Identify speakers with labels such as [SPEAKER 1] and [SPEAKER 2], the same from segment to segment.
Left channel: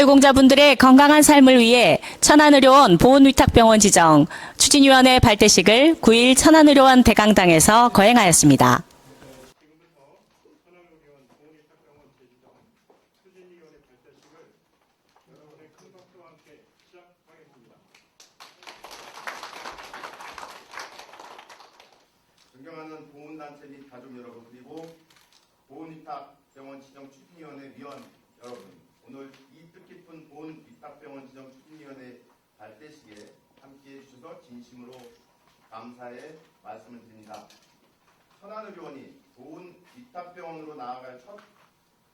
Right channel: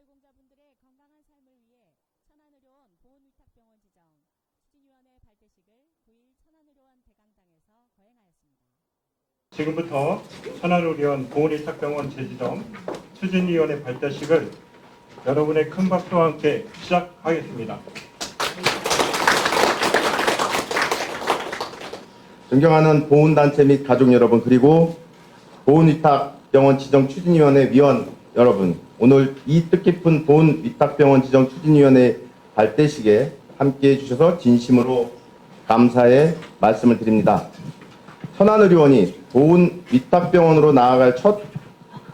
[SPEAKER 1] 국가유공자분들의 건강한 삶을 위해 천안의료원 보훈위탁병원 지정 추진위원회 발대식을 9일 천안의료원 대강당에서 거행하였습니다.
[SPEAKER 2] 지금부터 천안의료원 보훈의탁병원 재지정 추진위원회 발대식을 여러분의 큰 박수와 함께 시작하겠습니다.
[SPEAKER 3] 존경하는 보훈단체 및 가족 여러분 그리고 보훈위탁병원 지정 추진위원회 위원 여러분 오늘 이 뜻깊은 보훈위탁병원 지정 추진위원회 발대식에 함께해 주셔서 진심으로 감사의 말씀을 드립니다. 천안의료원이 보훈 위탁병원으로 나아갈 첫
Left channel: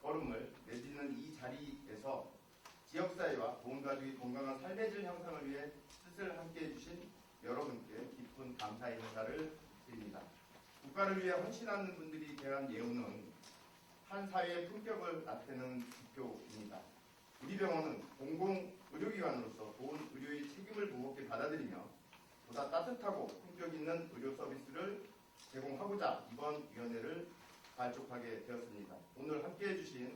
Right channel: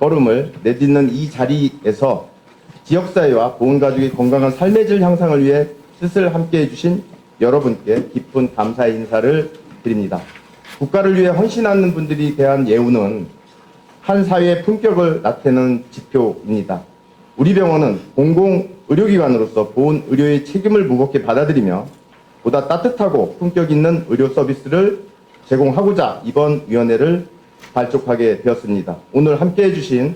[SPEAKER 3] 걸음을 내딛는 이 자리에서 지역사회와 보훈가족의 건강한 삶의 질 향상을 위해 뜻을 함께해 주신 여러분께 깊은 감사의 인사를 드립니다. 국가를 위해 헌신하는 분들이 대한 예우는 한 사회의 품격을 나타내는 지표입니다. 우리 병원은 공공의료기관으로서 보훈 의료의 책임을 무겁게 받아들이며 보다 따뜻하고 품격 있는 의료 서비스를 제공하고자 이번 위원회를 발족하게 되었습니다. 오늘 함께해 주신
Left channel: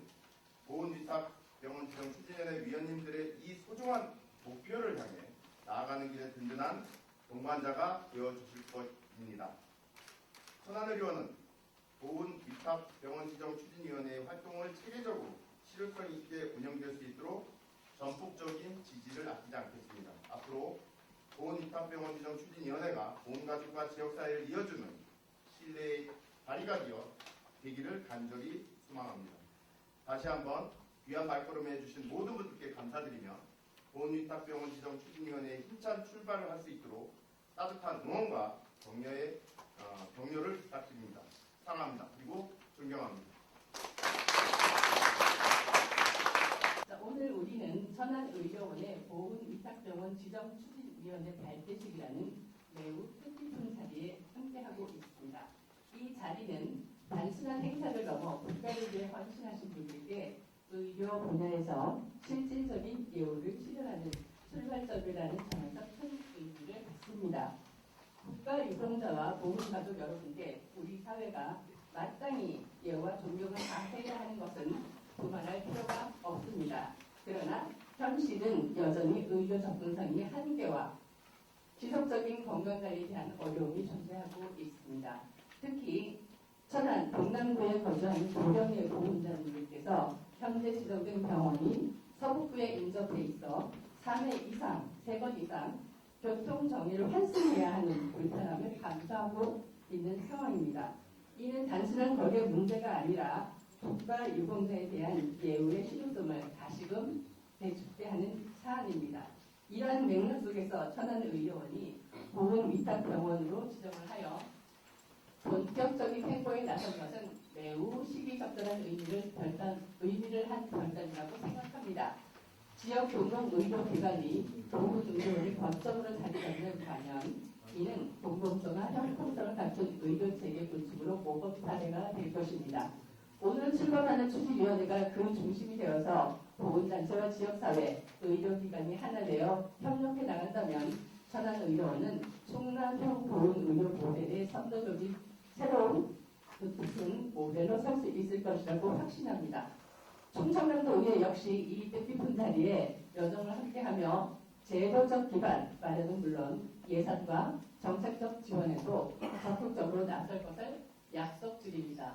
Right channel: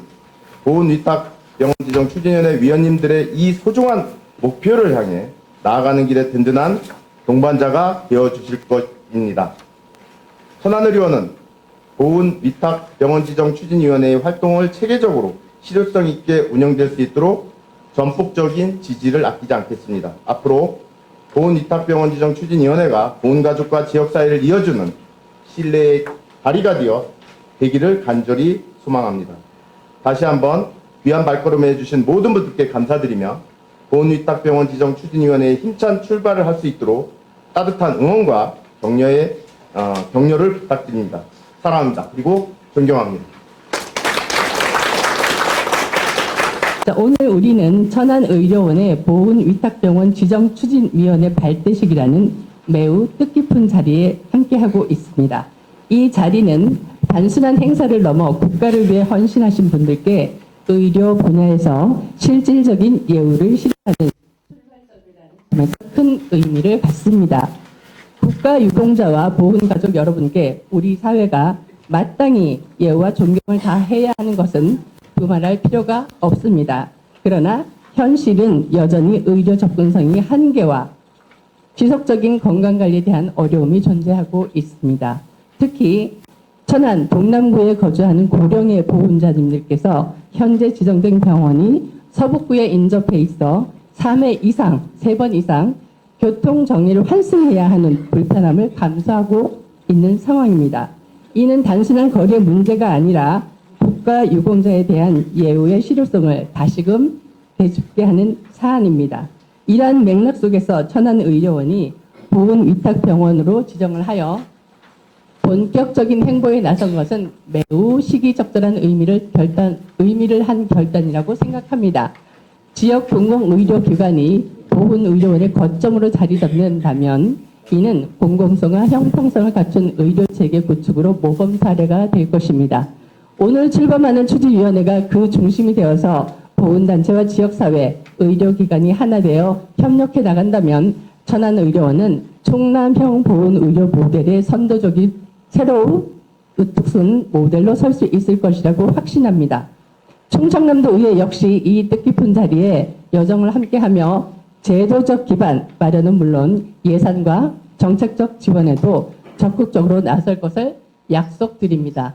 [SPEAKER 3] 보훈위탁병원 지정 추진위원회 위원님들의 이 소중한 목표를 향해 나아가는 길에 든든한 동반자가 되어 주실 것입니다. 천안의료원은 보훈 위탁 병원 지정 추진위원회의 활동을 체계적으로 실효성 있게 운영될 수 있도록 전폭적인 지지를 아끼지 않겠습니다. 앞으로 보훈 위탁 병원 지정 추진위원회가 보훈 가족과 지역 사회를 이어주는 신뢰의 다리가 되어 되기를 간절히 소망합니다. 다시 한번 귀한 발걸음 해주신 모든 분들께 감사드리며 보훈위탁병원 지정 추진위원회의 힘찬 출발을 할 수 있도록 따뜻한 응원과 격려의 어, 격려를 부탁드립니다. 사랑합니다. 그리고 존경합니다.
[SPEAKER 4] 자, 오늘 우리는 천안의료원의 보훈위탁병원 지정추진위원회 발대식이라는 매우 뜻깊은 자리에 함께하고 있습니다. 이 자리는 단순한 행사를 넘어 국가를 위해 헌신하신 분들께 의료 분야에서 실질적인 예우를 실현하는 출발점이라는 큰 의미를 갖습니다. 국가 유공자와 보훈가족 여러분께 우리 사회가 마땅히 예우와 존경을 다해야 하는 것은 두말할 필요가 없습니다. 그러나 현실은 여전히 의료 접근성이 한계와 지속적인 건강관리에 대한 어려움이 존재하고 있습니다. 특히 천안 동남구에 거주하는 고령의 보훈자님들께서 현재 지정된 병원이 서북구에 인접해 있어 3회 이상, 3번 이상 교통 정리를 환승해야 하는 불편함을 감수하고 있는 상황입니다. 이는 단순한 거리의 문제가 아니라 국가 유공자에 대한 예우의 실효성을 다시금 되짚게 하는 사안입니다. 이러한 맥락 속에서 천안의료원이 보훈위탁병원으로 지정을 하여 본격적인 행보에 나선 것은 매우 시기적절한 의미를 결단, 의미를 한 결단이라고 생각합니다. 지역 공공의료기관이 보훈의료원의 거점으로 자리 잡는다면 이는 공공성과 형평성을 갖춘 의료체계 구축으로 모범 사례가 될 것입니다. 오늘 출범하는 추진위원회가 그 중심이 되어서 보훈단체와 지역사회, 의료기관이 하나 되어 협력해 나간다면 천안의료원은 충남형 보훈의료 모델의 선도적인 새로운 으특순 모델로 설 수 있을 것이라고 확신합니다. 충청남도 의회 역시 이 뜻깊은 자리에 여정을 함께하며 제도적 기반 마련은 물론 예산과 정책적 지원에도 적극적으로 나설 것을 약속드립니다.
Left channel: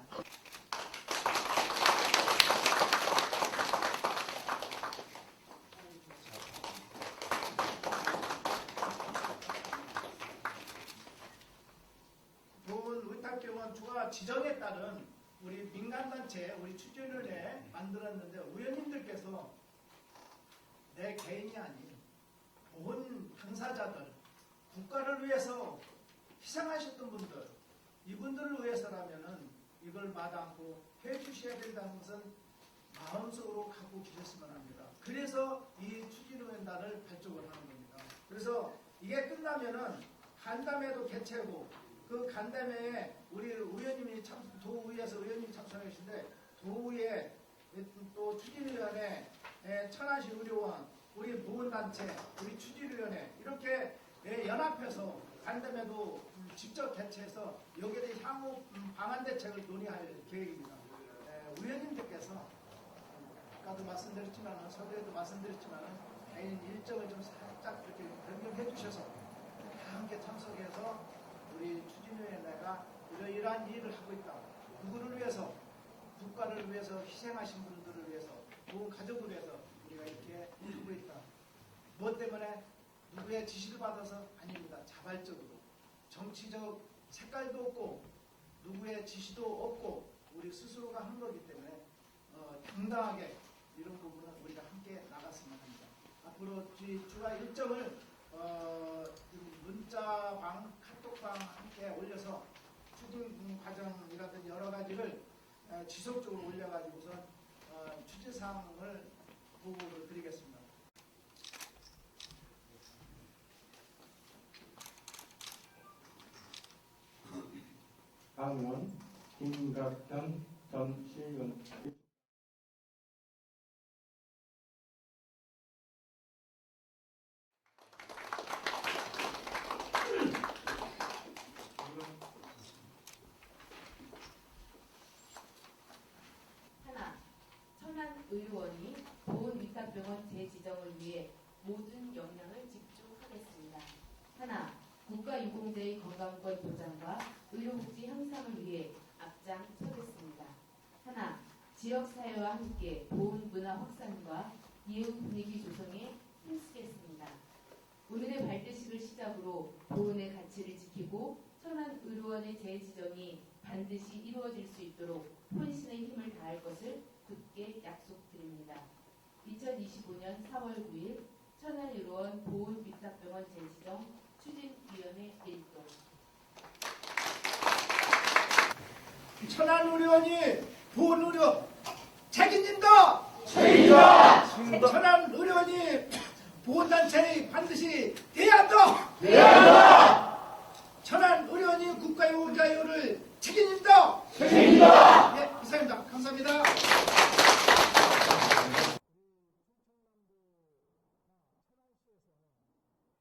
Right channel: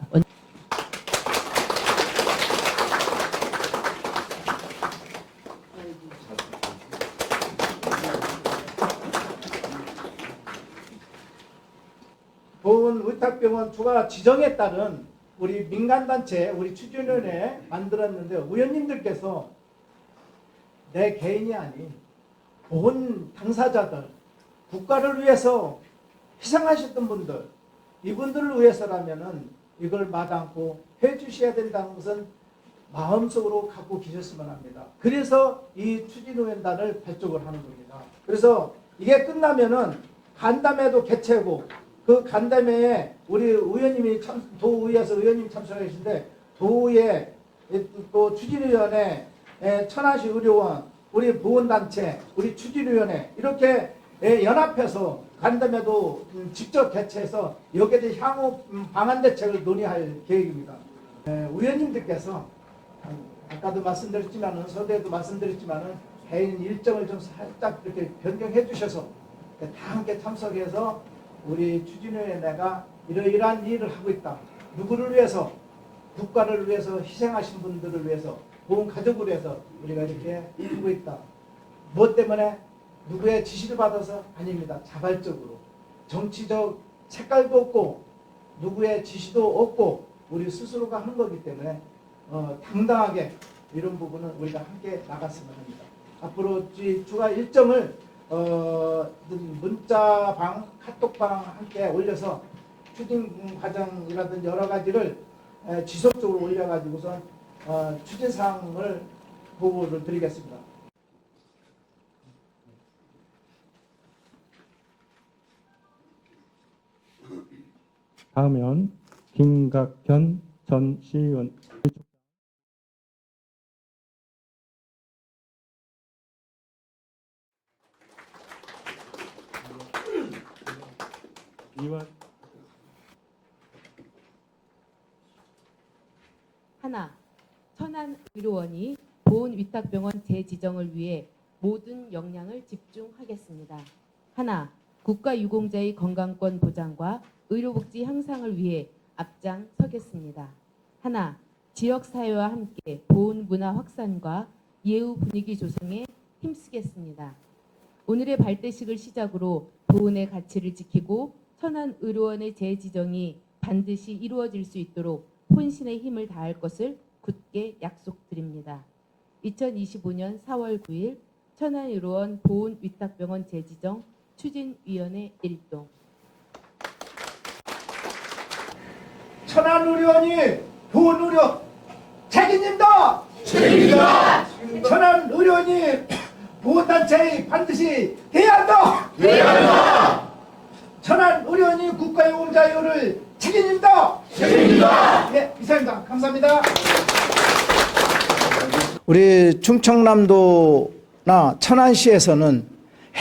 [SPEAKER 5] 보훈 의탁병원 추가 지정에 따른 우리 민간단체 우리 추진위원회 만들었는데 의원님들께서 내 개인이 아닌 보훈 당사자들 국가를 위해서 희생하셨던 분들 이분들을 위해서라면은 이걸 마다않고 해주셔야 된다는 것은 마음속으로 갖고 계셨으면 합니다. 그래서 이 추진위원단을 발족을 하는 겁니다. 그래서 이게 끝나면은 간담회도 개최하고 그 간담회에 우리 의원님이 참 도의회에서 의원님 참석하 계신데 도의회 또 추진위원회 에, 천안시 의료원 우리 보훈단체 우리 추진위원회 이렇게 에, 연합해서 간담회도 음, 직접 개최해서 여기에 대해 향후 음, 방안 대책을 논의할 계획입니다. 에, 의원님들께서 아까도 말씀드렸지만은 서두에도 말씀드렸지만은 개인 일정을 좀 살짝 이렇게 변경해 주셔서 다 함께 참석해서 우리 추진위원회가 이러이러한 일을 하고 있다. 누구를 위해서 국가를 위해서 희생하신 분들을 위해서 보훈 가족을 위해서 우리가 이렇게 이루고 있다. 무엇 때문에 누구의 지시를 받아서 아닙니다. 자발적으로 정치적 색깔도 없고 누구의 지시도 없고 우리 스스로가 하는 거기 때문에 어, 당당하게 이런 부분은 우리가 함께 나갔으면 합니다. 앞으로 이 추가 일정을 어, 문자방, 카톡방 함께 올려서 추진 과정이라든지 여러 가지를 에, 지속적으로 올려가지고선 어, 추진 사항을 보고를 드리겠습니다.
[SPEAKER 2] 다음은 김각현 전 시의원. 이와
[SPEAKER 6] 하나, 천안 의료원이 보훈 위탁병원 재지정을 위해 모든 역량을 집중하겠습니다. 하나, 국가 유공자의 건강권 보장과 의료복지 향상을 위해 앞장서겠습니다. 하나, 지역사회와 함께 보훈 문화 확산과 예우 분위기 조성에 힘쓰겠습니다. 오늘의 발대식을 시작으로 보훈의 가치를 지키고 천안 의료원의 재지정이 반드시 이루어질 수 있도록 혼신의 힘을 다할 것을 굳게 약속드립니다. 2025년 4월 9일 천안의료원 보훈위탁병원 재지정 추진위원회 일동
[SPEAKER 5] 천안의료원이 보훈의료 책임진다. 책임다. 천안의료원이 보훈단체에 반드시 해야 한다. 해야 한다. 천안의료원이 국가의 공자유를 책임진다. 책임진다. 네, 이상입니다. 감사합니다. 우리 충청남도나 천안시에서는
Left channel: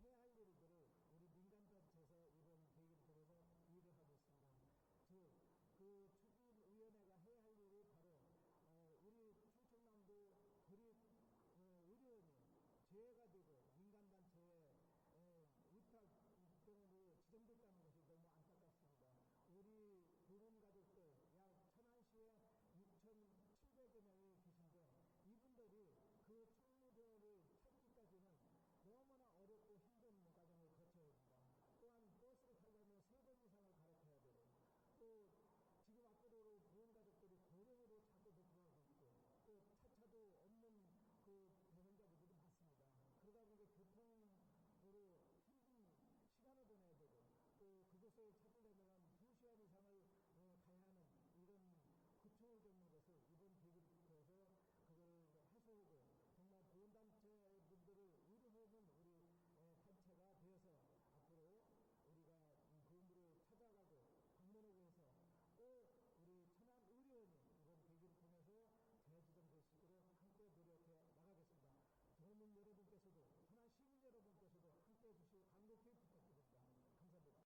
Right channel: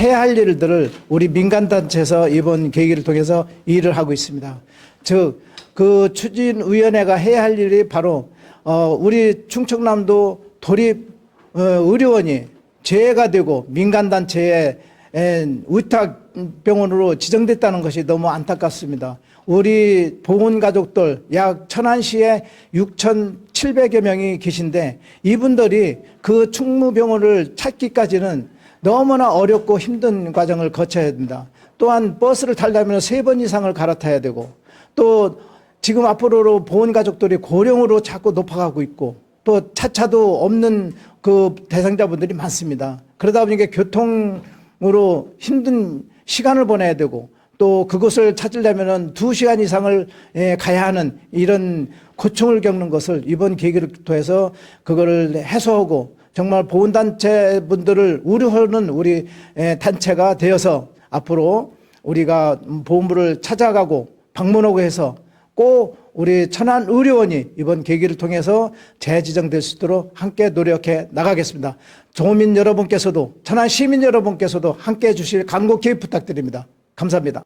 [SPEAKER 5] 해야 할 일들을 우리 민간단체에서 이번 계기를 통해서 일을 하고 있습니다. 즉, 그 추진위원회가 해야 할 일이 바로, 어, 우리 충청남도 도립 어, 의료원이 재해가 되고 민간단체의 에, 의탁병원으로 지정됐다는 것이 너무 안타깝습니다. 우리 보훈가족들 약 천안시에 6,700여 명이 계신데 이분들이 그 충무병원을 찾기까지는 너무나 어렵고 힘든 과정을 거쳐야 된다. 또한 버스를 타려면 세 번 이상을 갈아타야 되고 또 지금 앞으로 보훈가족들이 고령으로 자꾸 높아가고 있고 또 차차도 없는 그 대상자분들이 많습니다. 그러다 보니까 교통으로 힘든 시간을 보내야 되고 또 그곳을 찾으려면 두 시간 이상을 예, 가야 하는 이런 고충을 겪는 것을 이번 계기를 통해서 그거를 해소하고 정말 보훈단체 분들을 우려하는 우리 예, 단체가 되어서 앞으로 우리가 보훈부를 찾아가고 방문하고 해서 꼭 우리 천안 의료원이 이번 계기를 통해서 재지정될 수 있도록 함께 노력해 나가겠습니다. 조민 여러분께서도 천안 시민 여러분께서도 함께 해 주실 간곡히 부탁드립니다. 감사합니다.